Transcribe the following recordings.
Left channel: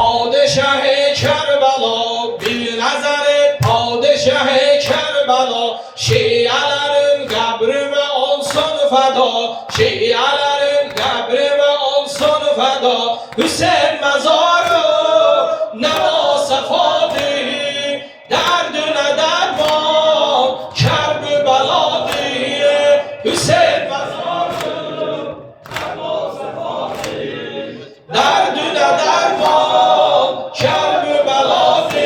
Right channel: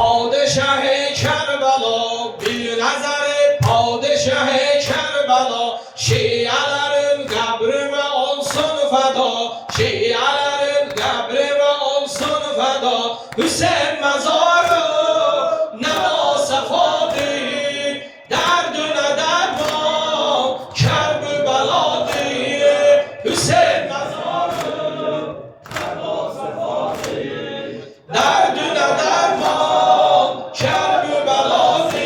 پادشه کربلا bir نظر پادشه کربلا شیعelerim قبرime olsun feda şiələrim qəbrimə olsun fəda Hüseyin məzarı nə vasıfadır dərdünə dərman kərb-i bəladır Hüseyin məzarı nə vasıfadır dərdünə dərman kərb-i bəladır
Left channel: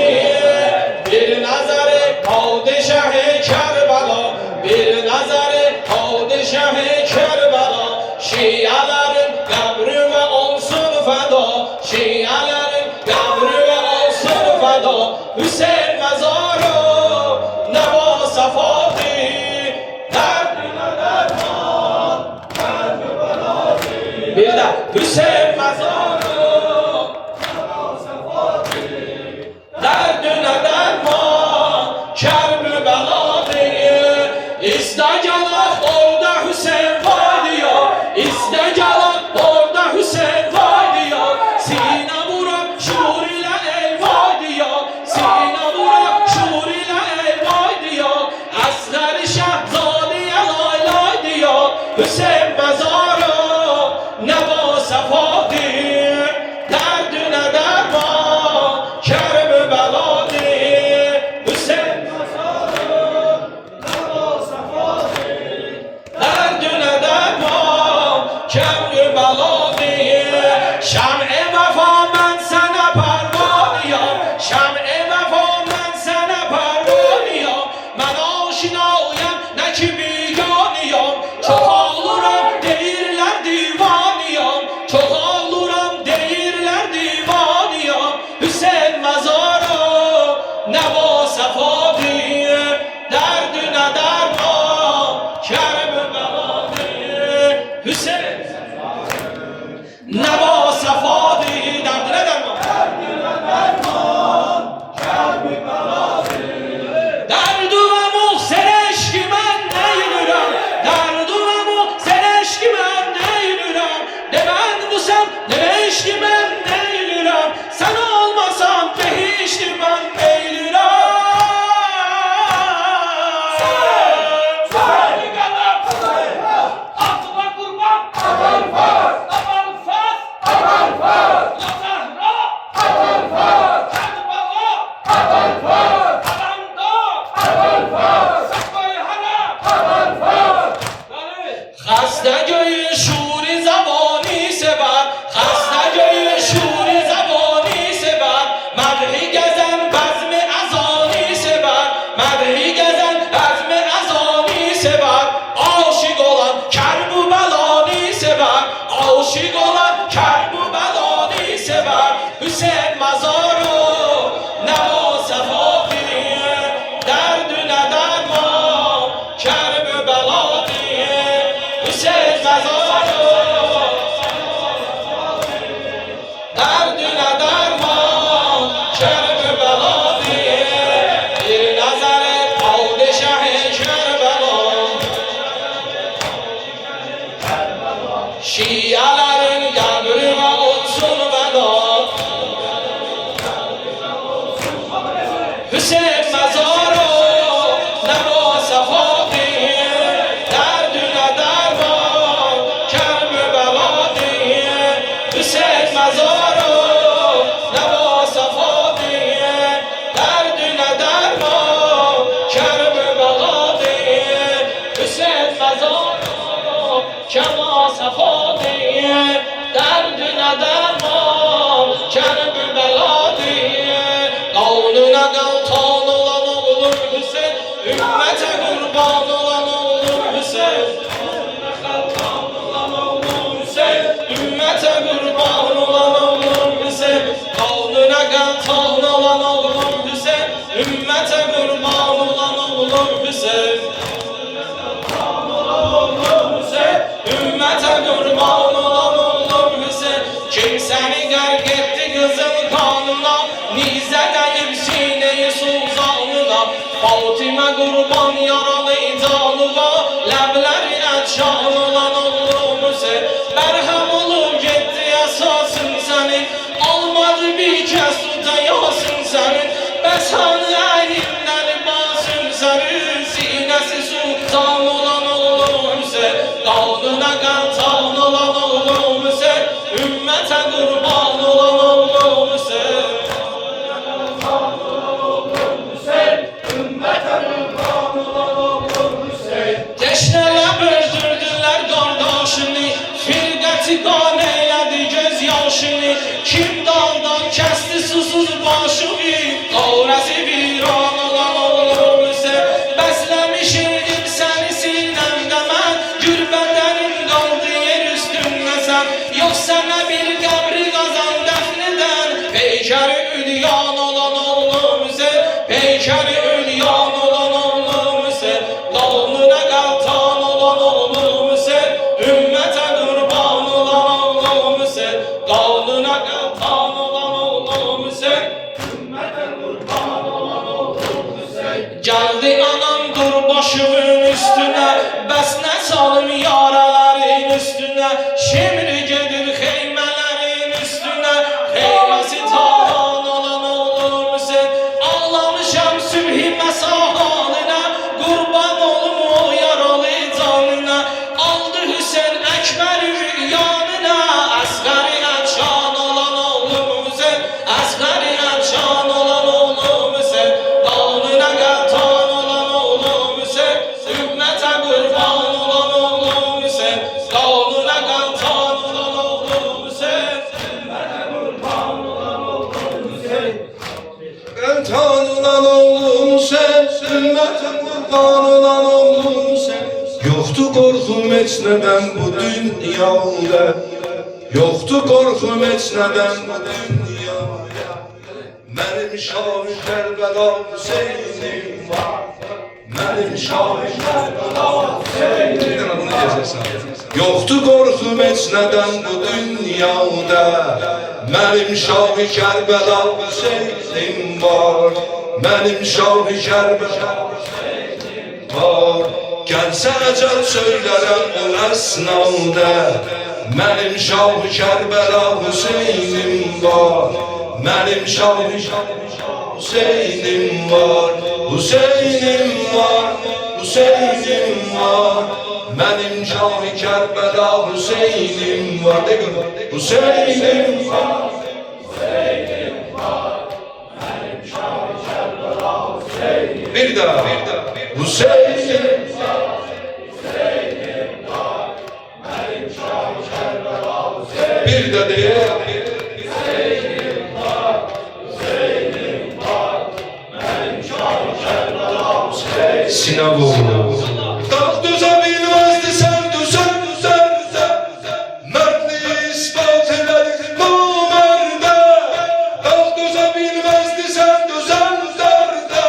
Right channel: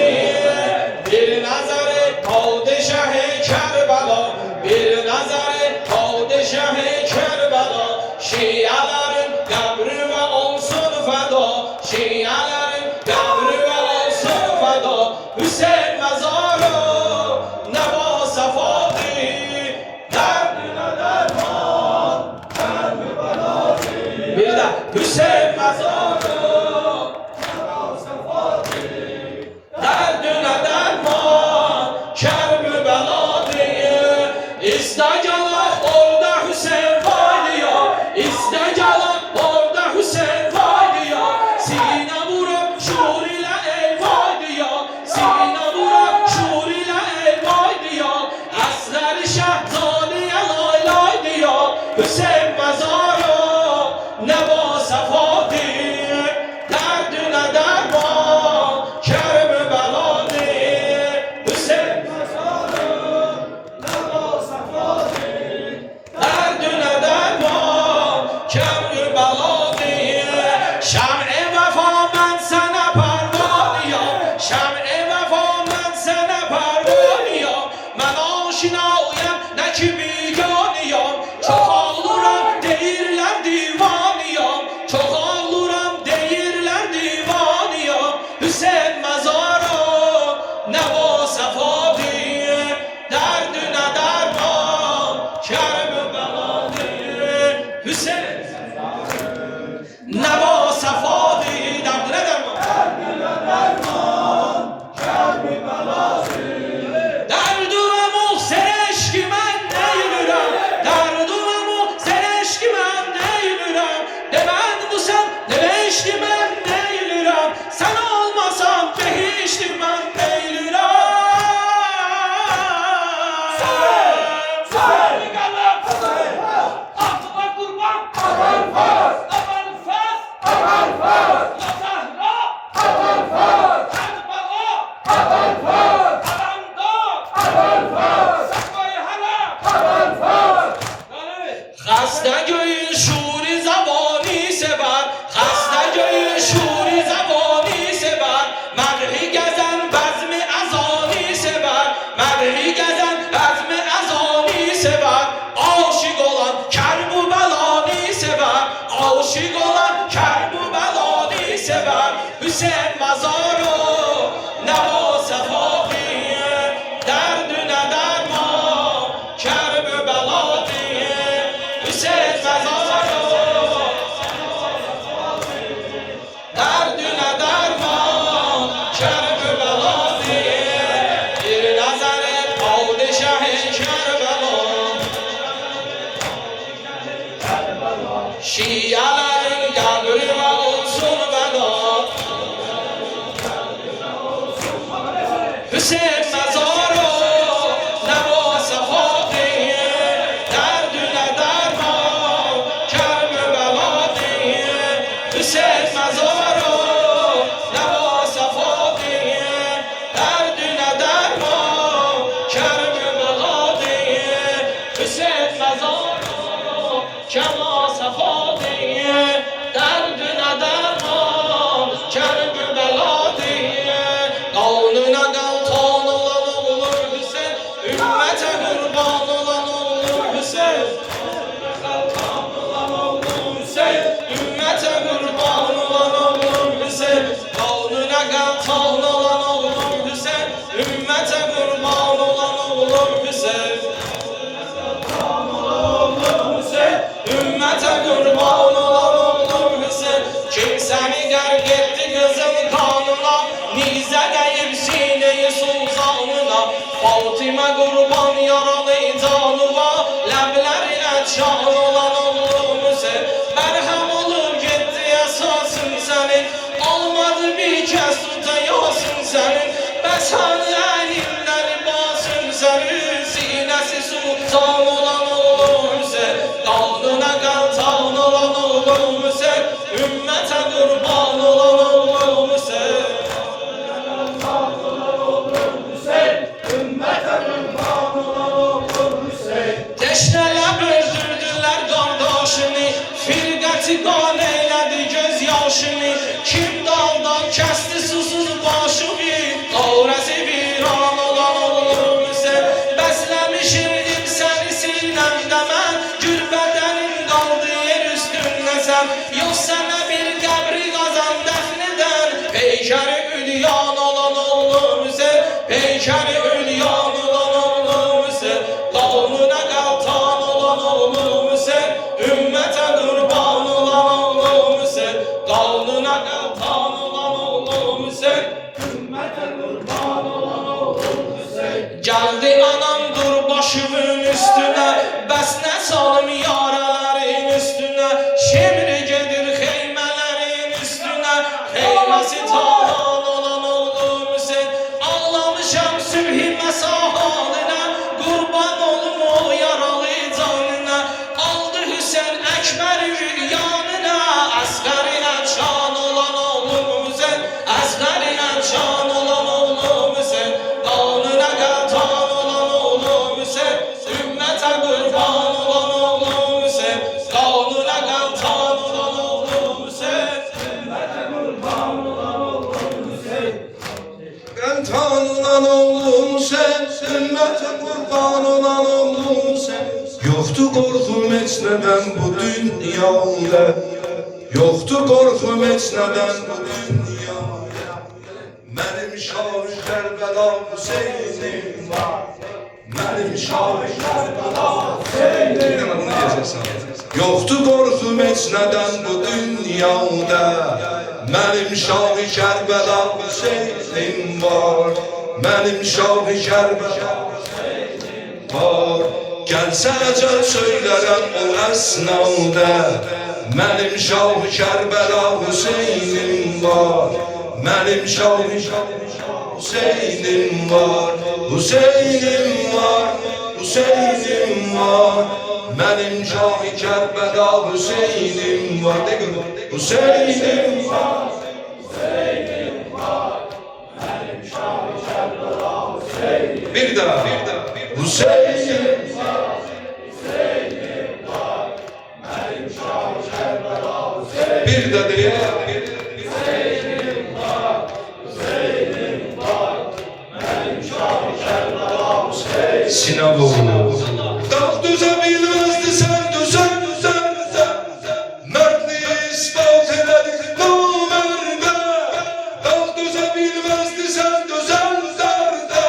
bir nəzəri padişah-ı Kərbala bir nəzəri padişah-ı Kərbala şiələrin qəbrimə olsun fəda şiələrin qəbrimə olsun fəda Hüseyin məzarı nə vasıfadır dərdinə dərman kərb-i bəladır bir də Hüseyin məzarı nə vasıfadır dərdinə dərman kərb-i bəladır İstəgələk orada Hüseyin var ya İstəgələk orada Hüseyin var ya Sinə vurup şuur ilə ey var ya Sinə vurup şuur ilə ey var ya Əsgəri Şəhzadiyə lay lay ya Hüseyin məzarı nə vasıfadır dərdinə dərman kərb-i bəladır Hüseyin məzarı nə vasıfadır dərdinə dərman kərb-i bəladır Şəm-i vəfa mən sənə pərvanıyam Şəm-i vəfa mən sənə pərvanıyam Mən aşinayam nə ki biganıyam Çoxalıram deyirlər divanıyam Çoxalıram deyirlər divanıyam Hüseyin məzarı nə vasıfadır dərdinə dərman kərb-i bəladır Hüseyin nə vasıfadır dərdinə dərman kərb-i bəladır Dərdümə sereşki mən neylürəm Dərdümə sereşki mən neylürəm Ne ben busam ne beşki mən neylürəm Sen olmasan behişti mən neylürəm Seni kadar akla kurban Aman faz Aman faz Aman faz La Zahra Aman faz Kerbala Aman faz Alanda Aman faz Sakvay Hala Aman faz خسته گوی شوری زبانی سبر خسته گوی شوری زبانی سبر مدحی گزن بزم ازانی سبر مدحی گزن بزم ازانی سبر عاشق olan کرب و بلانی سبر عاشق olan کرب و بلانی سبر Hüseyin məzarı nə vasıfadır dərdinə dərman kərb-i bəladır Hüseyin məzarı dərdinə dərman kərb-i bəladır bir nəzəri padişah-ı Kərbəla şiələrin qəbrimə olsun fəda Hüseyin məzarı nə vasıfadır dərdinə dərman kərb-i bəladır Hüseyin məzarı nə vasıfadır dərdinə dərman kərb-i bəladır Hüseyin məzarı nə vasıfadır dərdinə dərman kərb-i bəladır Qanuna qalxan olan olur Hüseyin Ümmətə qurban olan olur Hüseyin Ümmətə qurban olan olur Hüseyin Qanuna qalxan olan olur Hüseyin Ümmətə qurban olan olur Hüseyin Ümmətə qurban olan olur Hüseyin Kimsəni qərq etdi qızıl qanına Nizə dəyib sinəyi sultanına Fatimə qurban yaralı canına Ləblərinə çan olan olur Hüseyin Mərhəm olur getdi əsasın səni Almadı bir ve Yasin senin. Besanı elinden basın senin. Sinesi sultan olan oğlum sen. Dağına kantan olan oğlum sen. Ümmete kurban olan oğlum sen. Teşneler öldürdüler kardeşini, firqəti qan eylədi göz yaşını. Kim daldan kəsdi susuz başını, qavrəsi viran olan oğlum sen. Bəsləmişimdir səni sinəmdə mən, gürbədənin qaldı yer üstündə sən. Yox sənə bir qəbri qazan dəfn edən, peykəri ülyan olan oğlum sen. Peykəri ülyan olan oğlum sen. Dağına kaltan olan oğlum sen. Ümmete kurban olan oğlum sen. Dağına kaltan olan oğlum sen. Ümmete kurban olan oğlum sen. Geldi anam dur başımın üstüne. Bəs ne salim yaraların üstüne. Şimdi gelir heymelerin üstüne. Heymesi talan olan oğlum sen. Ağlamışam sübhi mesahanına. Kurban olum o yaralı canına. Aldı Hüseyin Ekber'i yanına. Asgariye can olan oğlum sen. Asgariye can olan oğlum sen. Dağına kaltan olan oğlum sen. Ümmete kurban olan oğlum sen. Dağına kaltan olan oğlum sen. Ümmete kurban olan oğlum sen. Kaltan olan oğlum sen, ümmete kurban olan oğlum sen. Yoktu korkum heç nədən bu dünyada, yoktu korkum heç nədən bu dünyada. Mənim Şah-ı Kərbəla Hüseynim var, mənim Şah-ı Kərbəla Hüseynim var. Yoktu korkum heç nədən bu dünyada, mənim Şah-ı Kərbəla Hüseynim var, mənim Şah-ı Kərbəla Hüseynim var. Gəlsə əcəl söylərəm o əsnada, mənim Şah-ı Kərbəla Hüseynim var, mənim Şah-ı Hüseynim var, Hüseynim var, Hüseynim var. Mənim Şah-ı Kərbəla Hüseynim var, de gör, Hüseynim var, Hüseynim var. Mənim Şah-ı Kərbəla Hüseynim. Bir daha, Hüseynim var, Hüseynim var. Mənim Şah-ı Kərbəla Hüseynim. Bir de deyək, Hüseynim var, Hüseynim var. Mənim Şah-ı Kərbəla Hüseynim. Sinan oğlu. Dağ düze bilmezdi sen düzen düzende, mertli ispat ededik bu merde. Dağ düze bilmezdi sen düzen derde,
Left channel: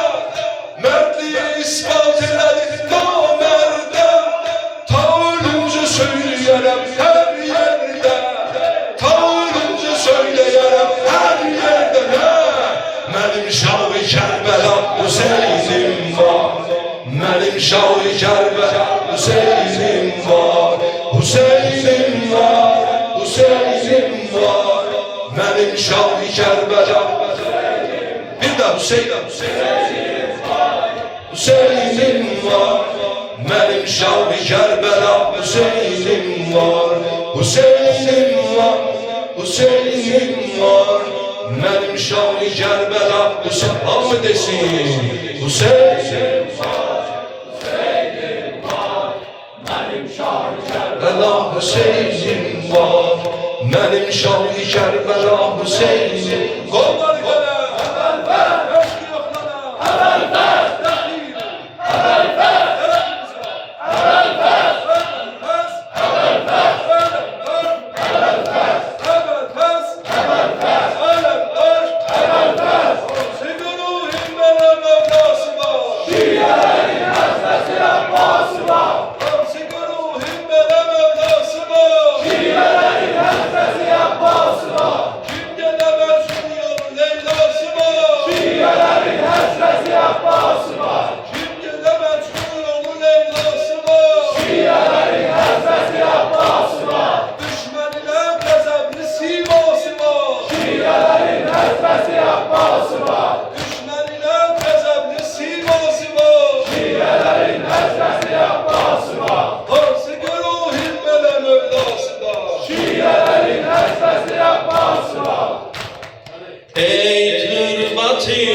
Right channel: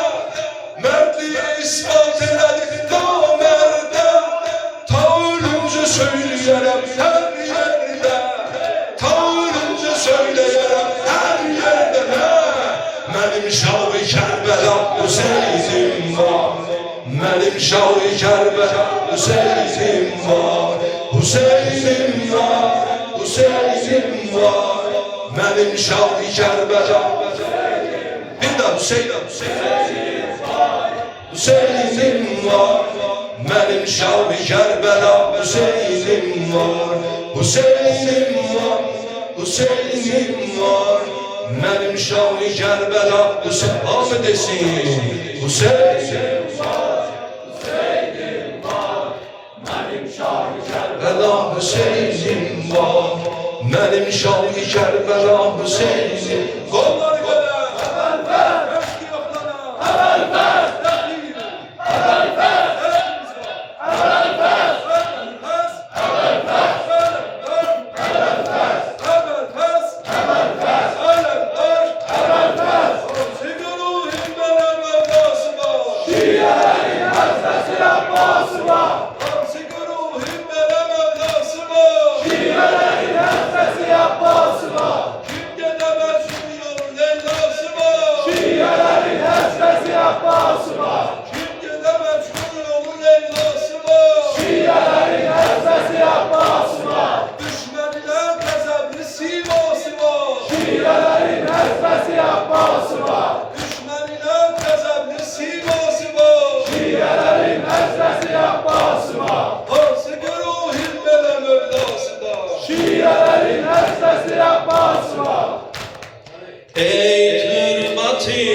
mertli ispat ededik bu merde. Ta ölünce söyleyerem her yerde, ta ölünce söyleyerem her yerde. Benim Şah-ı Kərbəla Hüseynim var, benim Şah-ı Kərbəla Hüseynim var, Hüseynim var, Hüseynim var. Benim Şah-ı Kərbəla Hüseynim. Bir daha Hüseynim var, Hüseynim var. Benim Şah-ı Kərbəla Hüseynim var, Hüseynim var, Hüseynim var. Benim Şah-ı Kərbəla Hüseynim. Hamı desin, Hüseynim var, Hüseynim var. Benim Şah-ı Kərbəla Hüseynim var, benim Şah-ı Kərbəla Hüseynim. Kolları kadar, eşki yoklana, Kim gelemez şu yolda ای تربتی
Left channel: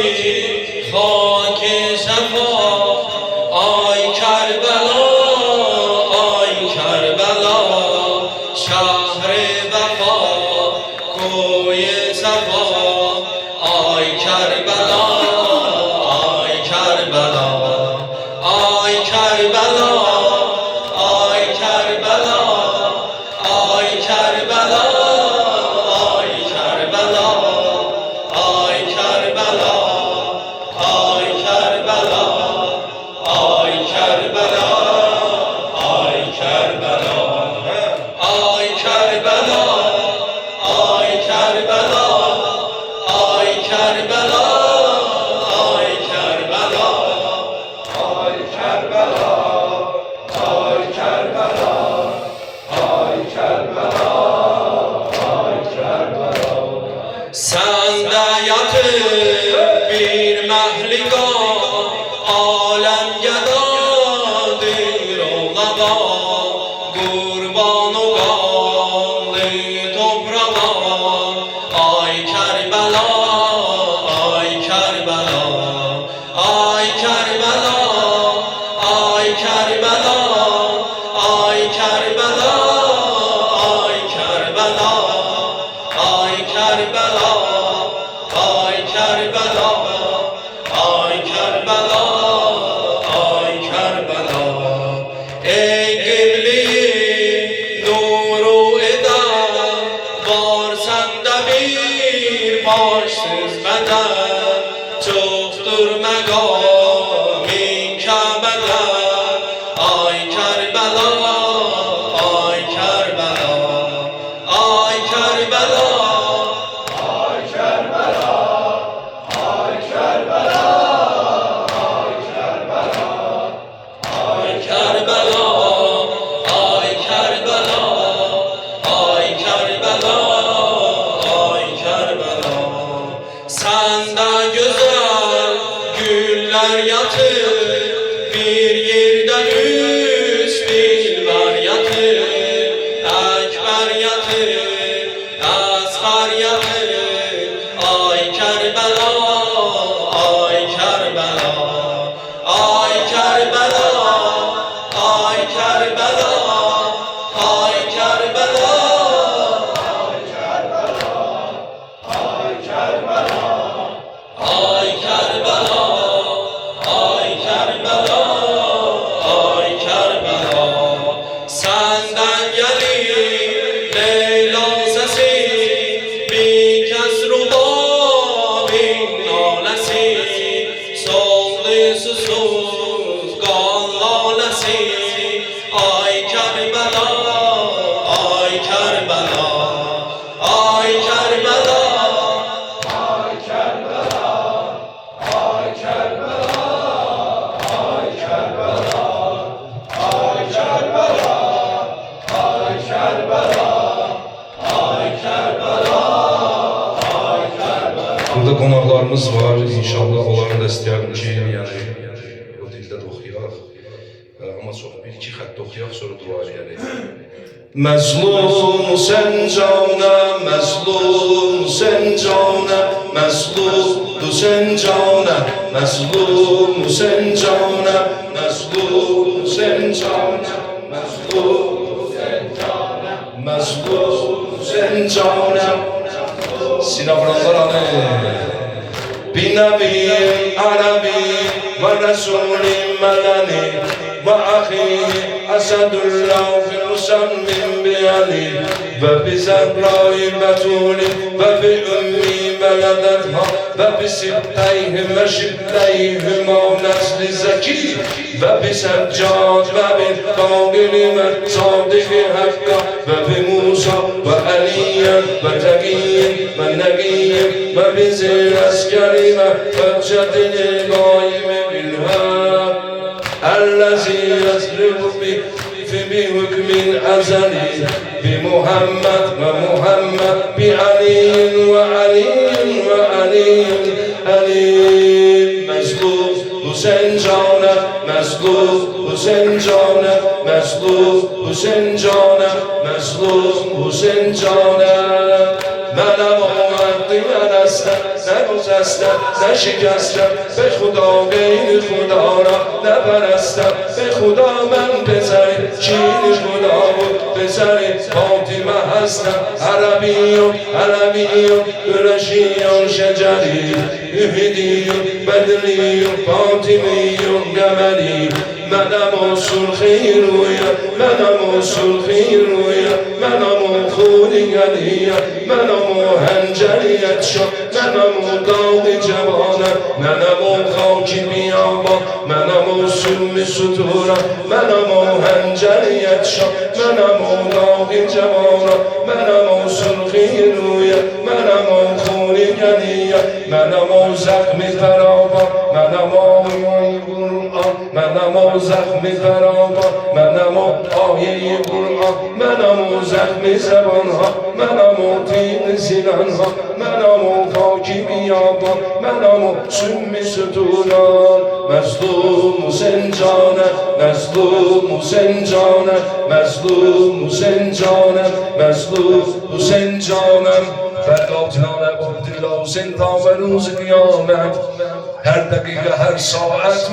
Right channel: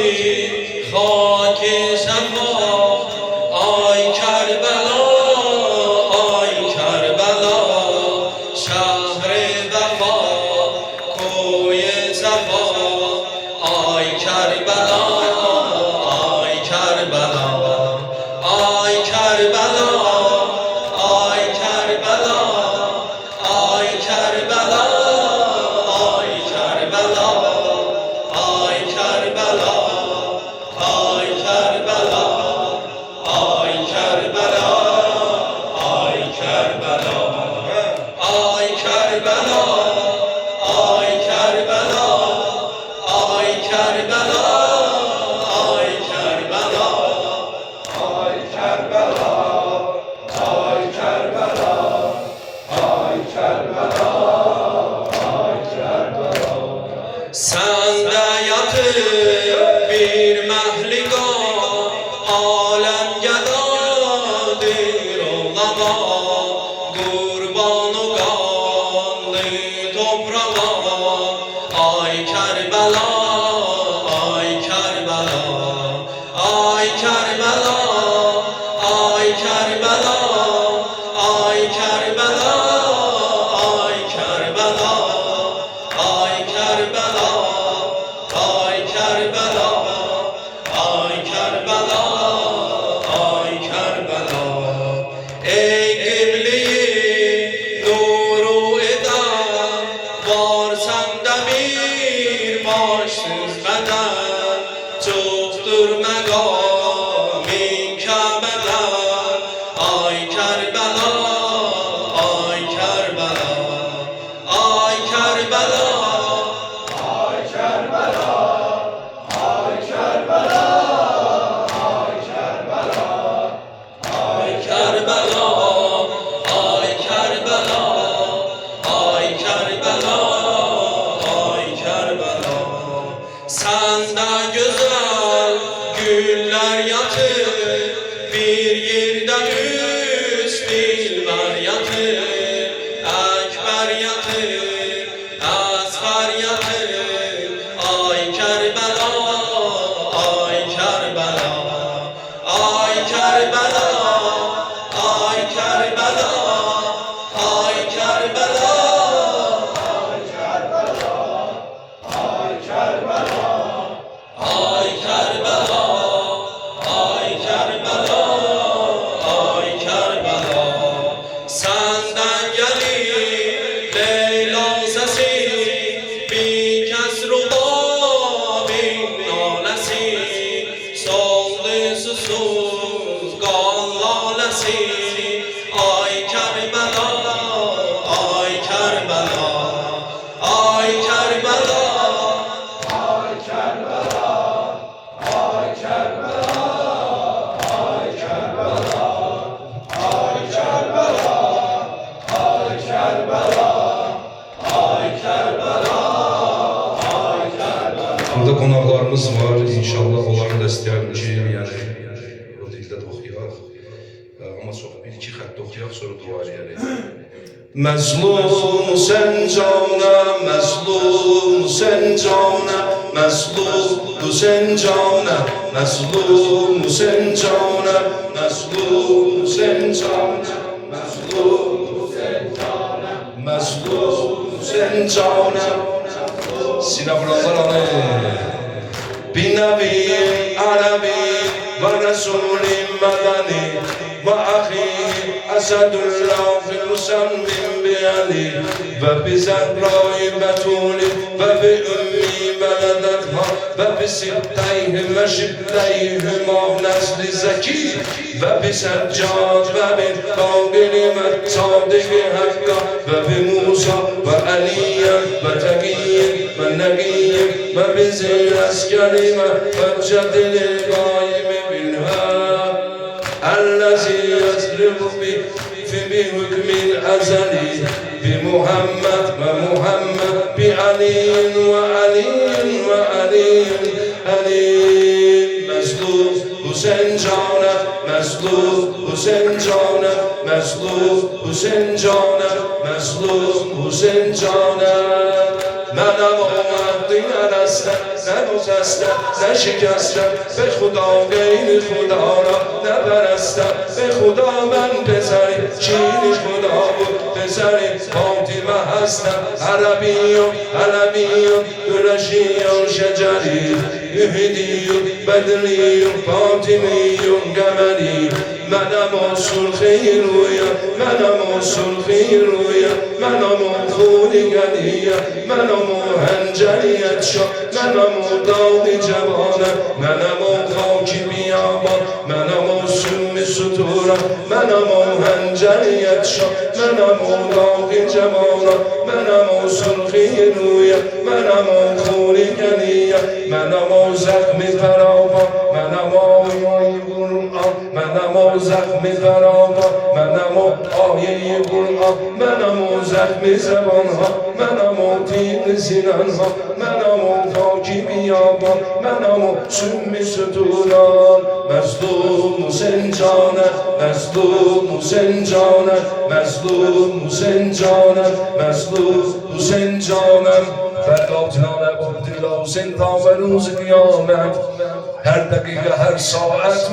خاک صفا آی کربلا آی کربلا شهر وفا کوی صفا آی کربلا آی کربلا آی کربلا آی کربلا آی کربلا آی کربلا آی کربلا آی کربلا آی کربلا آی کربلا آی کربلا آی کربلا آی کربلا آی کربلا آی کربلا آی کربلا آی کربلا آی کربلا sende yatır bir mehligan alem gedadır olada kurban o kanlı toprağa ay Kerbela ay Kerbela ay Kerbela ay Kerbela ay Kerbela ay Kerbela ay Kerbela ay Kerbela ay Kerbela ay Kerbela ey kibli nuru eda var sende bir başsız beden çoktur megamin Kabe'den ay Kerbela ay Kerbela ay Kerbela ay Kerbela ay Kerbela ay Kerbela ay Kerbela ay Kerbela ay Kerbela ay Kerbela senden güzel güller yatır bir yerden üç dilber yatır ekber yatır asgar yatır ay Kerbela ay Kerbela ay Kerbela ay Kerbela ay Kerbela ay Kerbela ay Kerbela ay Kerbela ay Kerbela ay Kerbela senden gelir Leyla sesi bir kez rubabin nalesi soldu susuz kan lalesi ay Kerbela ay Kerbela ay Kerbela ay Kerbela ay Kerbela ay Kerbela ay Kerbela ay Kerbela ay Kerbela ay Kerbela Burada qonaqlarımız var. İnşallah onların da istəyərdim ki, yəni o dildə də oxuyaq. Amma çox bir-iki xətt oxuyaq, sonra dua eləyək. Məzlum sən canə, məzlum sən canə, məzlum sən canə, məzlum sən canə, məzlum sən canə, məzlum sən canə, məzlum sən canə. Sinabranlar بنبي عربي ورسول مدني وأخيه أسد الله في المسمى بعلي وبزهراء بتول وبأمي بلدتها وبسبتيهم وشبتيهما نسل زكي وبسجاد وبالطاغر والصادق حقا وبموسى وعليا وتقي والنبي وبذي العسكر وبجد القائم بالهاد الذي يسلك بحكم الأزلي بمحمد ومحمد بعلي وعلي وعلي علي مسلوب حسین جانم مسلوب حسین جانم مسلوب حسین جانم مسلوب حسین جانم منم آمردین هستم نگذستم نشکستم به خدا غیر خدا را نپرستم به خدا من بزن چین خدا بود بزن فاطمه هستم عربی و قرشی و شجری اهدی و بدری و فاطمی و قمری منم سرخی رویم منم سرخی رویم منم خوری گلیم منم هنجریت شد منم داغ جوانم منم خاکی بیابان منم سوم ستورم منم هنجریت شد منم داغ جوانم منم سرخی رویم منم خوری گلیم منم زخم خرابان منم آیه قرآن منم زخم خرابان منم آیه قرآن منم زخم زبانها منم تیغ زنانها منم خاکی بیابان منم سم ستوران مظلوم و زنجانم مظلوم و زنجانم مظلوم و زنجانم مظلوم و زنجانم فرداتنانه با دل و زندان و روز قیامت هر دقیقه هر ساعت